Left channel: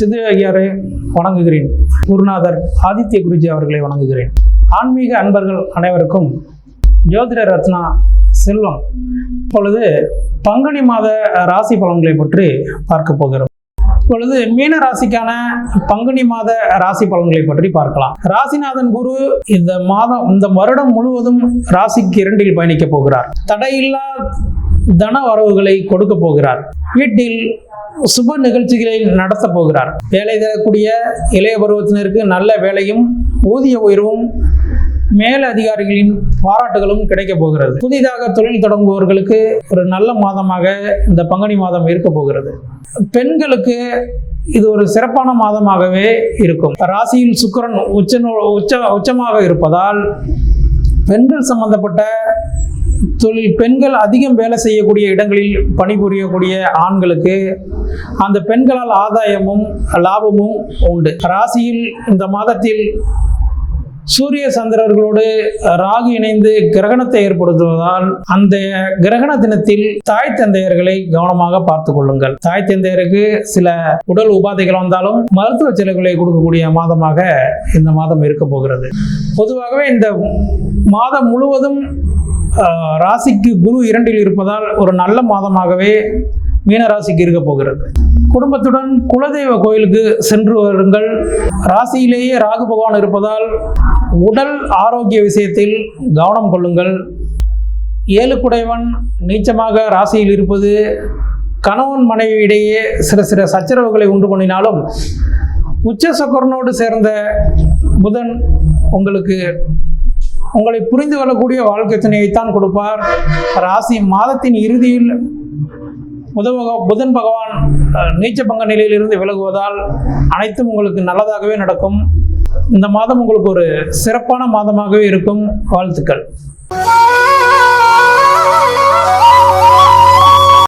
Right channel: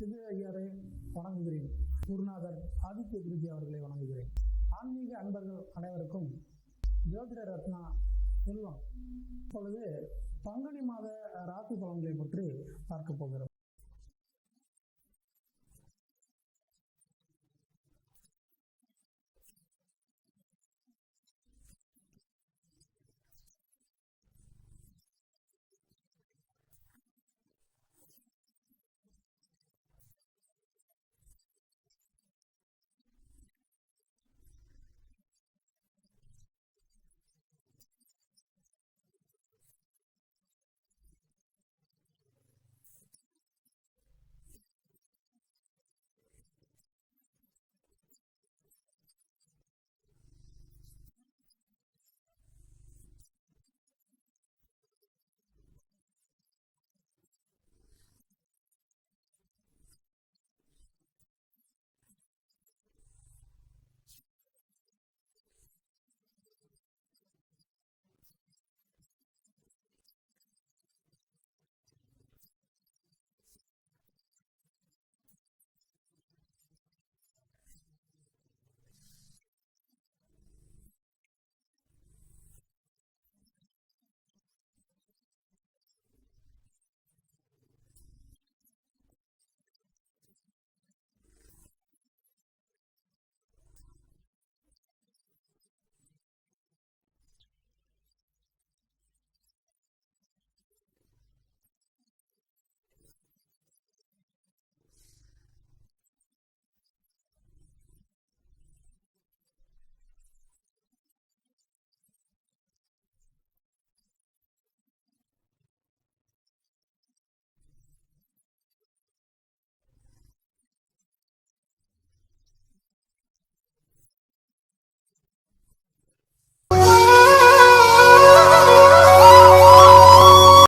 சிது ஐயரை வணங்குகிறேன். குருநாதர் ஆதித்ய குருஜி அவர்களை வணங்குகிறேன். ஆன்மீக அன்பர்கள் அனைவருக்கும் ஜோதிட ரத்னா செல்வம். இப்பொழுது பங்குனி மாத ராசி பலன்களை பற்றி பார்க்க போகிறோம். இப்பொழுது மீன ராசிக்கான பங்குனி மாத ராசி பலன்களை பற்றி பார்க்கலாம். ராசிநாதன் குரு இந்த வருடம் முழுவதும் ராசிக்கு 2 பயணிக்க போகிறார். தடையில்லா தன வரவுகளை கொடுக்க போகிறார். வீட்டில் சுப நிகழ்ச்சிகளை நடத்த போகிறார். வேலை தரக்கூடிய இளைய பருவத்தினருக்கு நல்ல வேலையும் ஊதிய உயர்வும் மேல் அதிகாரிகளின் பாராட்டுகளும் கிடைக்க போகிறது. புதிதாக தொழில் தொடங்குபவர்களுக்கு ஒரு நல்ல மாதமாக இந்த பங்குனி மாதம் இருக்க போகிறது. பெண்களுக்கு இது ஒரு சிறப்பான மாதமாகவே இருக்கும். ராசியில் சுக்கிரன் உச்சமாக இருப்பதால் பெண்கள் சம்பந்தப்பட்ட தொழில், பெண்கள் அதிகம் வேலை செய்யக்கூடிய இடங்களில் பணிபுரியக்கூடிய ஆண்களுக்கு அந்த பெண்களால் ஆதாயமும் லாபமும் உண்டு. ராசியில் இந்த மாதத்தில் சூரிய சந்திரர்களோடு ராகு இணைந்து கிரகணத்தை ஏற்படுத்துவதால் அந்த கிரகண தினத்தில் தாய் தந்தையர்களை கவனமாக பார்த்து கொள்ளுங்கள். தாய் தந்தையருக்கு சில உடல் உபாதைகள் வந்தாலும் மருத்துவ செலவுகளை கொடுக்கக்கூடிய மாதமாக இந்த மாதம் இருக்க போகிறது. பொதுவாகவே இந்த மாதம் முழுவதும் ராசிக்கு குரு 2 இருப்பதால் ஒரு நல்ல மாதமாகவே மீனராசிக்கு இருக்க போகிறது. குடும்பத்துடன் குலதெய்வ கோயிலுக்கு சென்று வருங்கள். ராசியிலேயே ராகு பகவான் இருப்பதால் உடல் ஆரோக்கிய விஷயத்தில் கவனம் கொள்ளுங்கள். 7 குடைவன் நீச்சமாக ராசியில் இருப்பது கணவன் மனைவியிடையே சில சச்சரவுகளை உண்டு பண்ணினாலும் உச்ச சுக்கிரனோடு சேர்ந்த புதன் உங்களை புரிந்து கொள்ளக்கூடிய வாழ்க்கை துணையைத்தான் கொடுப்பார். ராசி மாதத்தின் இறுதியில் புதன் பகவான் நீச்ச பங்க நிலையிலிருந்து விலகுவதால் அனைத்தும் உங்களுக்கு நல்லதாகவே நடக்கும். இந்த மாதம் உங்களுக்கு ஒரு சிறப்பான மாதமாகவே இருக்கும். வாழ்த்துக்கள்.